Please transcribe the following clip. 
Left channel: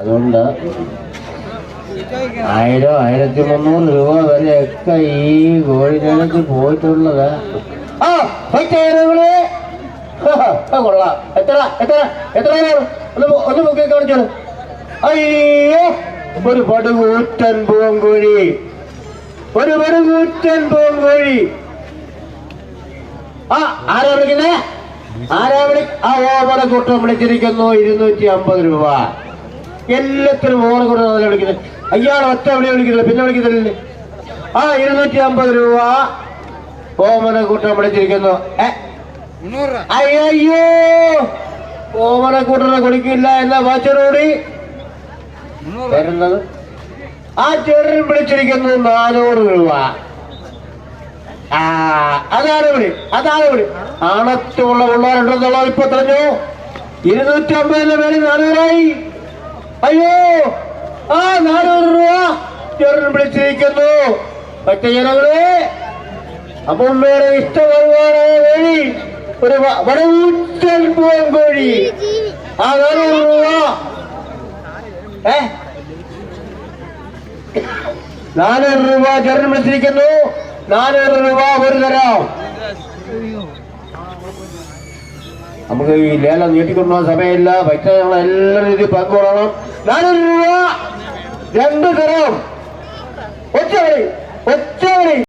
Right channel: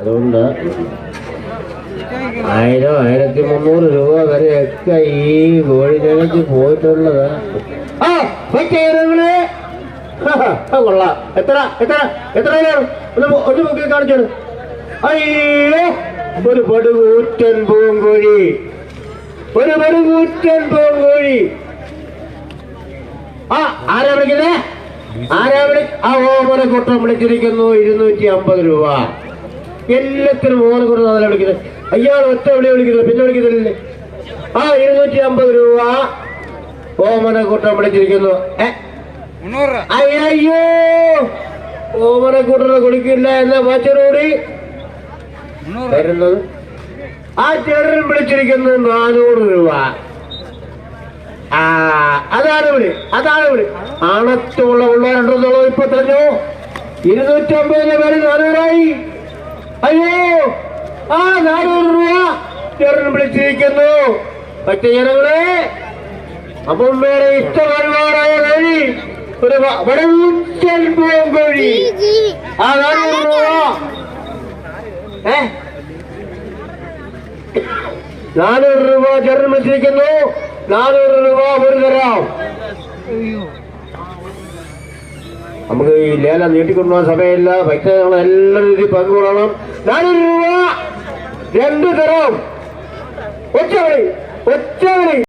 അതുകൊണ്ട് 1000-1300 രൂപ വരെയൊക്കെ ഈ കോഴിക്കടയ്ക്ക് പോയിട്ടുള്ളത്. കൊള്ളാം. എത്ര എത്ര എത്ര ഒന്ന് നോക്കി കാണിച്ചോളൂ. അയ്യോ, ഒരു പടുകൂറ്റൻ പൂങ്കോഴി, ഒരു പടുകൂറ്റൻ പൂങ്കോഴി. ആരാ വിളിക്കുന്നേ? ഓമനക്കൂട്ടം വിളിച്ചിരിക്കുന്നു. 250 രൂപ. എല്ലാത്തിനും ഓമനക്കൂട്ടം വിളിക്കുന്നത്. അയാൾ ഒറ്റ വിളിക്കുന്നത്, പിന്നെ വിളിക്കുന്നില്ലേ? 250 രൂപ ഓമനക്കൂട്ടം വിളിച്ചിരിക്കുന്നു. അയ്യോ, ഓമനക്കൂട്ടനെ കൊടുക്കില്ല എന്ന വാച്ചനോടി വരുന്നത്. ആ ചേട്ടനും വിളിച്ചിരിക്കുന്നു 400 രൂപ. അതാണ് വിളി. ആണത്തുള്ള പിള്ളേരുണ്ടെന്നുള്ളത് ഇപ്പൊ തെരഞ്ഞു. 250 മേലെ 400ആയി. അയ്യോ, 400 രൂപ ചേട്ടൻ വിളിച്ചിരിക്കുന്നു. മറ്റേ ജനങ്ങളെ, അമ്മമ്മയുടെ ഇഷ്ടപരിപാടായ കോഴി, ഒരു വടവൂറ്റൻ പൂങ്കോഴി. 400 രൂപ. 400 രൂപ ചേട്ടൻ വിളിച്ചിരിക്കുന്നു. 400 രൂപ ഒരു തരാം. നമുക്ക് ഈ ലേലം നീട്ടിക്കൊണ്ടുപോകാൻ സമയമില്ല. പക്ഷേ ഞങ്ങൾ എല്ലാ രീതിയിൽ പങ്കുകൊള്ളണം. 400 രൂപ 2 തരാം. ഒറ്റ കളി.